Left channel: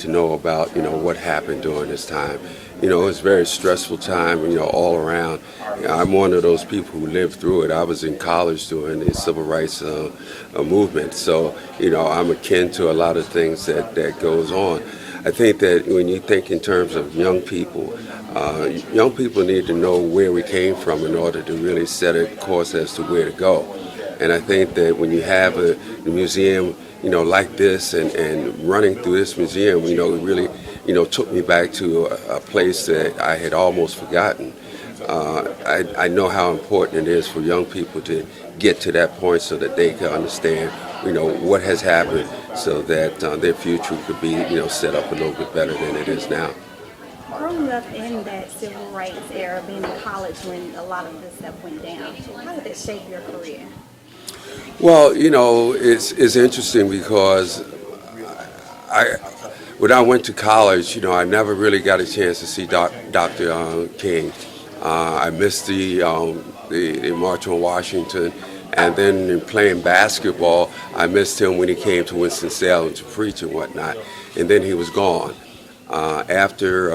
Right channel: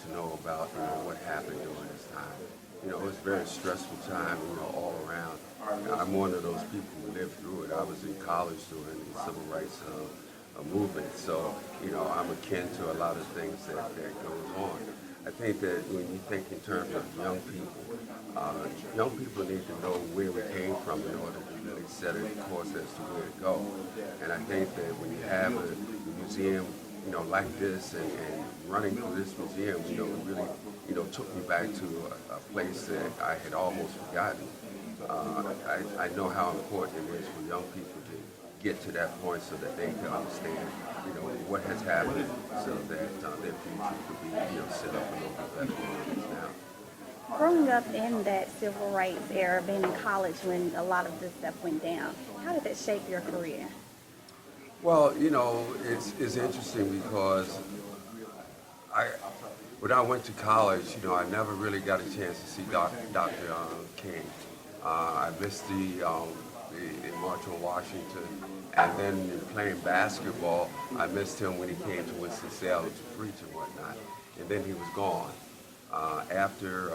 to know about, what happened during this time. It was a very stressful time, all around. I'm one of those people who lived through it. I was in college during the civil rights movement, so I'm akin to a lot of things that goes on. I think that when you think in terms of young people need to know where we came from in order to really set a course as to where to go. And I think that when you have a museum, like this and running through this museum, it really, took me back to a place that I had almost forgotten. I know how important it is for young people to get to that point so that they can understand, what has happened so that their future could be, set up a little bit better than it is now. Growing up in that civil rights era, being in college when a lot of this stuff went down, how did that shape your career? Well, it's interesting because I when I went to college, I never really got a chance to see Dr. King. I missed the March on Washington, and then in playing basketball, I missed him when he came to Winston-Salem to preach and whatnot, and then he was gone. After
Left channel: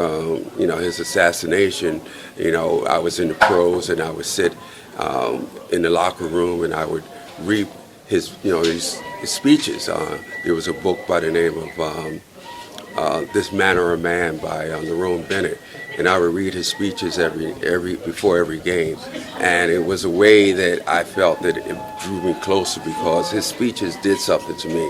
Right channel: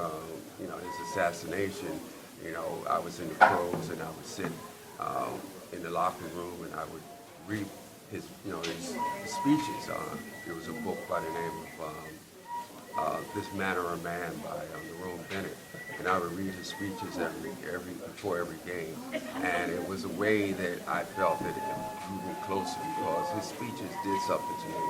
his assassination, I was in the pros, and I would sit in the locker room, and I would read his speeches. There was a book by the name of This Manner of Man by Lerone Bennett, and I would read his speeches before every game, and it was a way that I felt that it drew me closer because his speeches did something to me.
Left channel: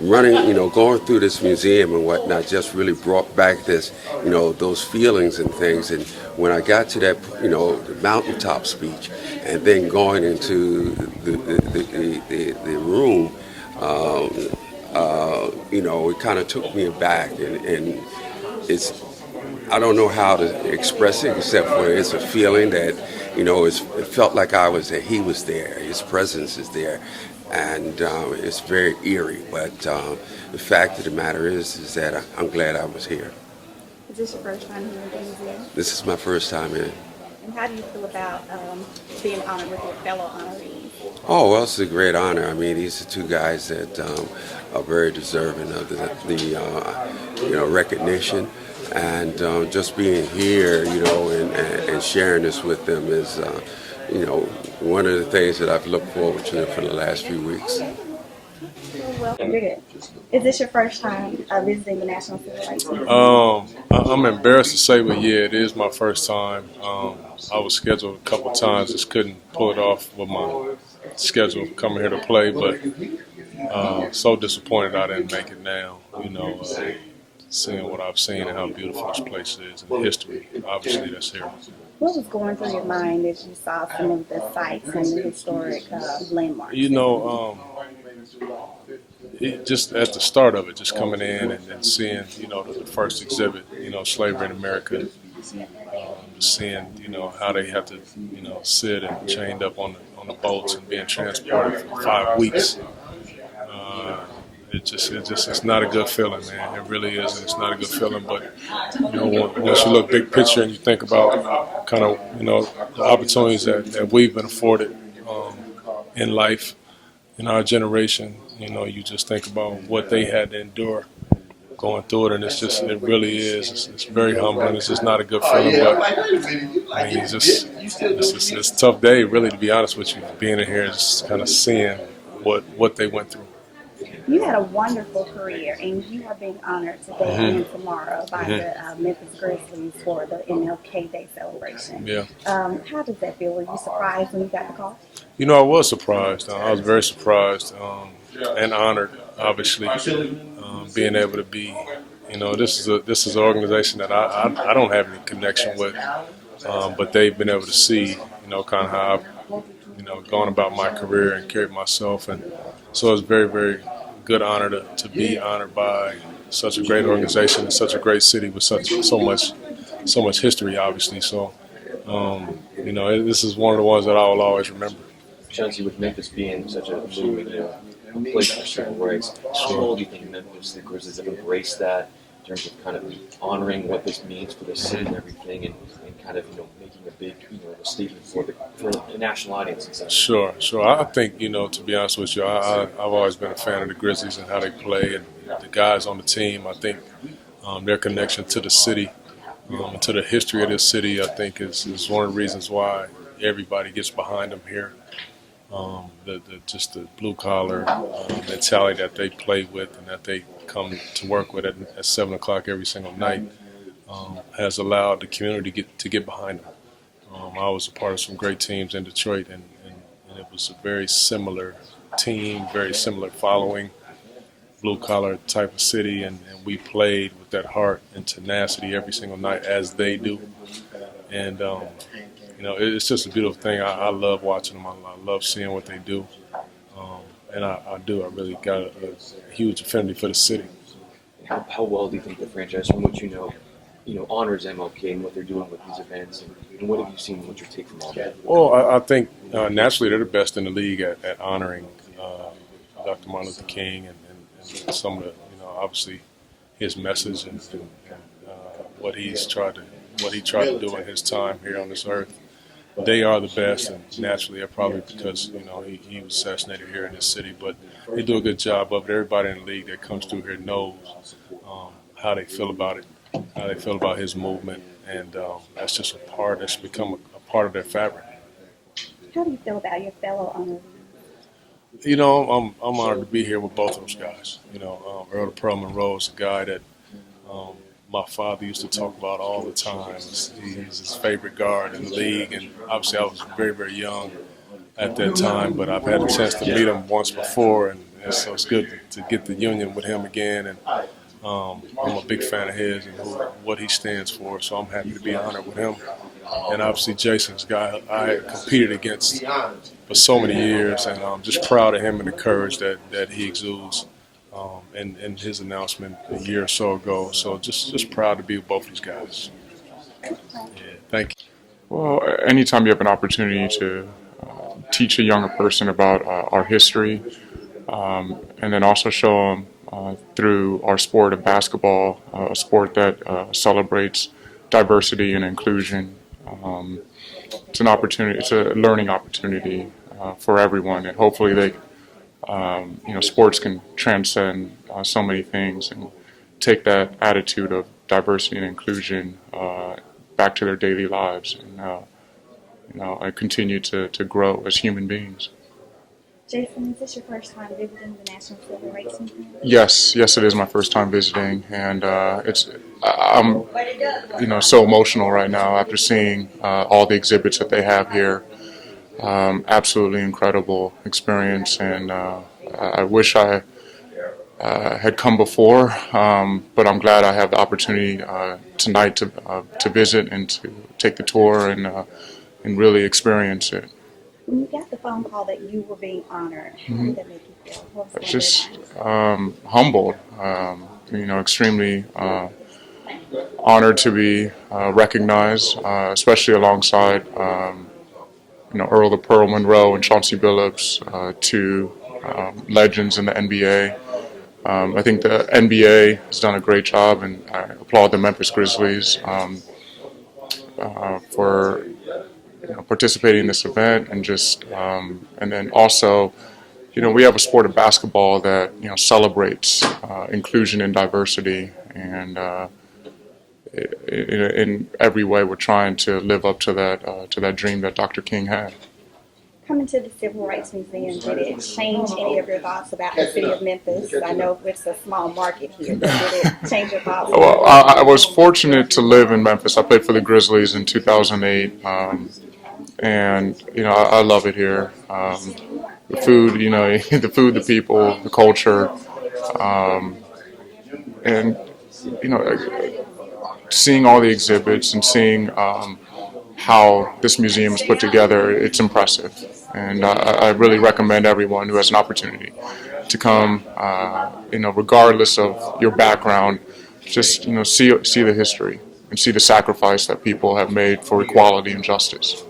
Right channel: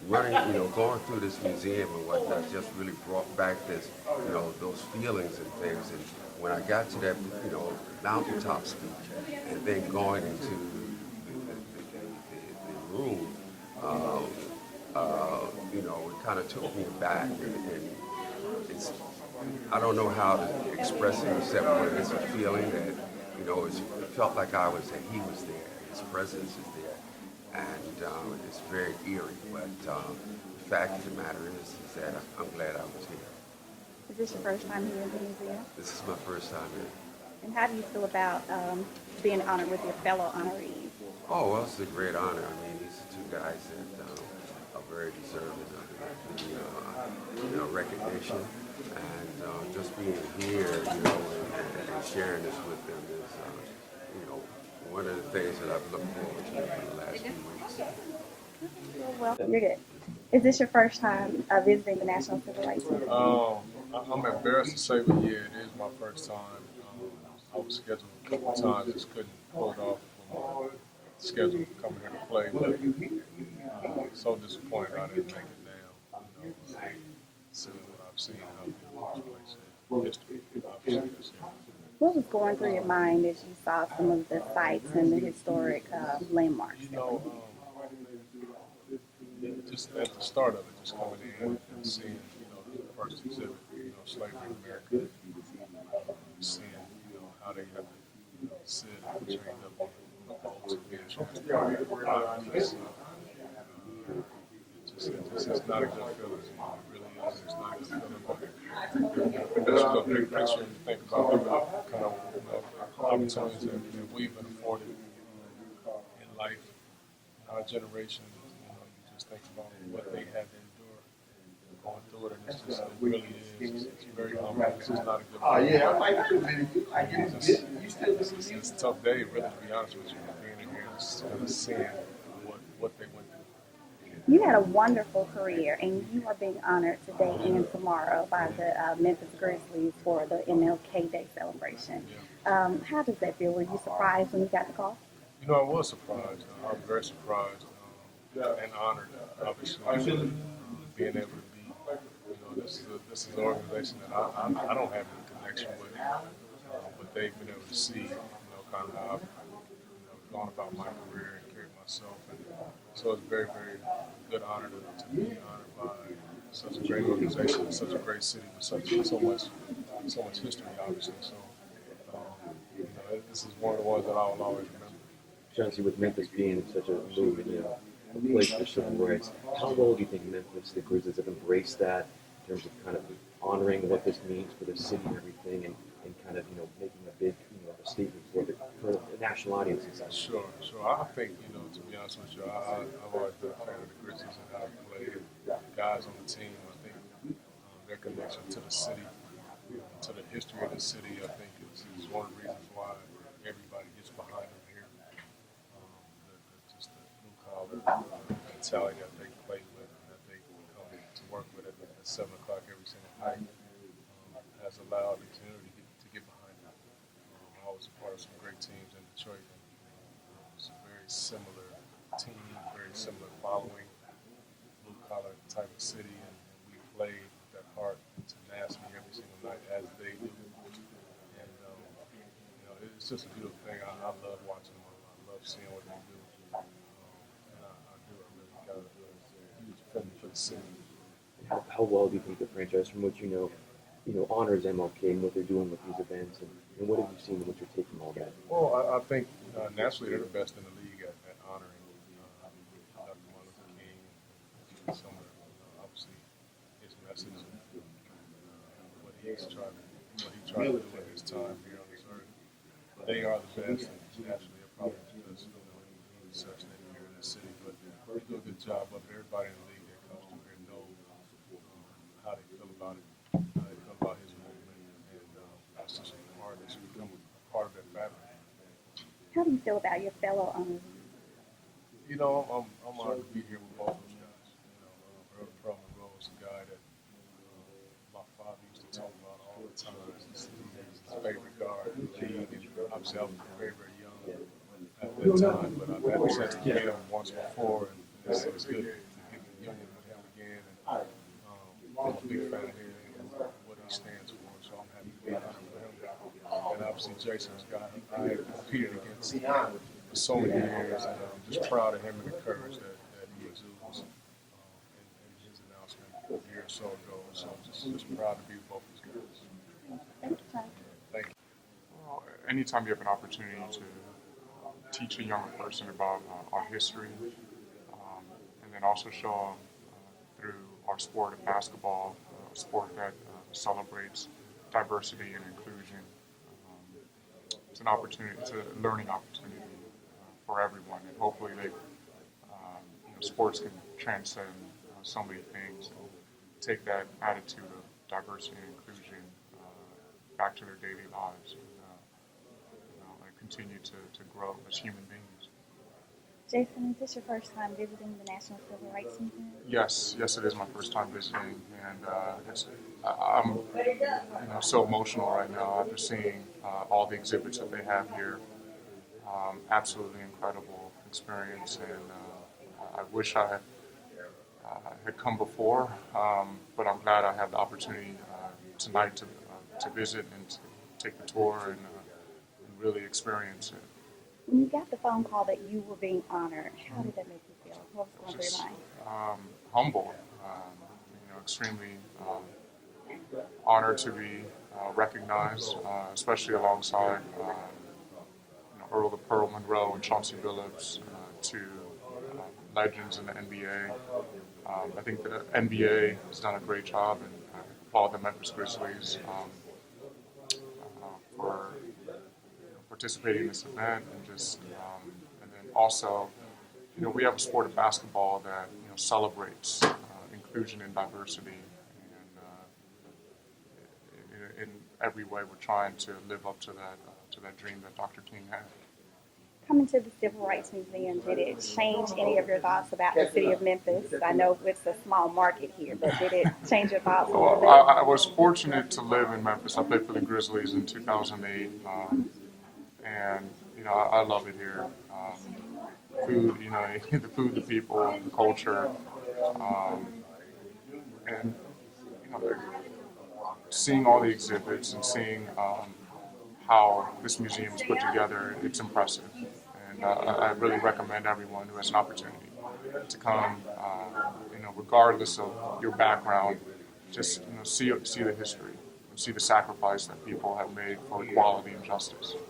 Running, going through this museum and whatnot just really brought back this, those feelings and things. And when I got to that, the mountaintop speech, and then going into the room, it kind of took me back, and it's, I don't know how to express it except for it's a feeling that, it felt like he was there, his presence is there, and it's very eerie. But the fact of the matter is that I'm glad I was here. Is this your first time here in the museum? This is my first time here. And how do you feel about being honored with your fellow honorees? Oh, well, it's a great honor. I mean, these are two guys that are very deserving of the recognition. And just being here, and sharing this with them is, one of the things that I've looked forward to for the last few weeks. Well, you're good. Is this your first time visiting the National Civil Rights Museum? I'm embarrassed to say, but yeah, it is my first time. I was scheduled a couple times, just couldn't pull it off with my schedule coming here to play, but so disappointed I didn't make it now. Seeing what I've seen and how beautiful this place is and the history, obviously, that's here. What was going through your mind as you saw some of the sites and the historic landmarks? Just at the start of it, just coming in and then seeing, the first exhibit, slavery in America, just seeing, how they have to, sit and chained up on the boats and being transported for 5 weeks. It's not a good feeling, man. It really is, and it's not a good feeling. But once you look big picture and you think about kind of the opportunities that we've been afforded in life, in our generation, you just think about what they had to endure going through it, and it really is. It's very humbling. It's just not a good feeling. But I mean, it's a tough day, really, to be honest with you. Being in here, just kind of seeing what they went through. You had a wonderful career, and you are being honored today and tomorrow by the Memphis Grizzlies for the MLK Day celebration. Yeah. How does that feel? Were you surprised when you got the call? I was surprised. I was very surprised and honored, obviously, being able to be. This is an organization that I don't have any connection with, but they've been able to see, kind of how I've, gone about my career and carried myself, and so it's very, very good honor to be honored by such a great organization in such a great city with so much history, obviously. So, this is one of the ones that I will always remember. Chauncey, with Memphis being such a movement, a place for civil rights, how well do you think Memphis, the Grizzlies, have embraced that in terms of kind of honoring what this means for the city and everything, and kind of making a big a statement for the national audience and such? Sure. I think to be honest with you, I've always been a fan of the Grizzlies and how they play and the guys on the team. I think Their connection to the city, to the history of this city, I think is one of the reasons why everybody gets behind them here. Just the blue collar mentality that they play with and that they come to work with at 7 o'clock every single night has allowed the community to get behind them. I was a part of some great teams in Detroit, and it was a very similar team, very similar following, blue collar type of city, and we played with that heart and tenacity every single night as they do. And it's just a beautiful thing. I love watching them. I love seeing what they do. And I really got a huge affinity for the city. How well do you think the franchise, from what you know, honors MLK and what they're doing with these events, and what have you seen? What's your take from all that? Well, I think naturally they're the best in the league at honoring Dr. Martin Luther King and some of the, obviously his message and what he tried to do in his time here on this earth. They are the best, and naturally, probably because he was assassinated here in this city. But they do a good job of it. Everybody in the league that comes through here knows how they feel about it, how they feel about his movement, and that's just that's become a part of their fabric. How do you feel about your fellow honorees? I'm honored to be here with both of those guys. Earl Monroe is a guy that my father used to talk about all the time. He's his favorite guard in the league, and obviously I was very, very young at that time, but I've had a chance to meet him once before, and so it's good to get the union with him again. And I'm a big fan of his and what he stands for, so I'm happy to be honored with him. And obviously Jason's a guy I had competed against for so many years, and I'm just proud of him and the courage that he exudes. And his announcement a year or so ago. So just proud to be with both these guys. Yeah, thank you. Well, anytime you have an opportunity to teach a younger person about our history, and then also show them through our sport of basketball, a sport that celebrates diversity and inclusion, it's an opportunity. It's a learning opportunity for everyone, and hopefully sports can transcend so many things and take that attitude of diversity and inclusion back to their daily lives, and continue to grow as human beings. Jason, is this your first time visiting the National Civil Rights Museum? Yes, it is my first time visiting, and I'm so emotional right now after seeing all the exhibits that they have here. Absolutely incredible experience, and I wish I had come before, but I'm glad I have the opportunity tonight to visit and to take the tour and really experience it. When you got the phone call that you were being honored, how did that make you feel? What was Just humbled, extremely honored to be recognized, especially alongside Earl the Pearl Monroe and Chauncey Billups, two legends in the NBA. I think the NBA has done a great job, and I applaud the Memphis Grizzlies for participating in this event, and and then also, we have a sport of basketball that celebrates inclusion and diversity, and in every way we're trying to live up to that dream that Dr. King had. Coming to the Civil Rights Museum, did it change any of your thoughts about the city of Memphis? I know it's a small market here, but did it change your thoughts? Well, I was fortunate to live in Memphis. I played for the Grizzlies in 2008, and I love it here. The food, the people, the culture, and seeing all the exhibits and seeing how this museum is put together, it's impressive. And I really recommend everyone who has an opportunity to come, regardless of your background, just, see the history and see the sacrifice that people have made for equality and justice.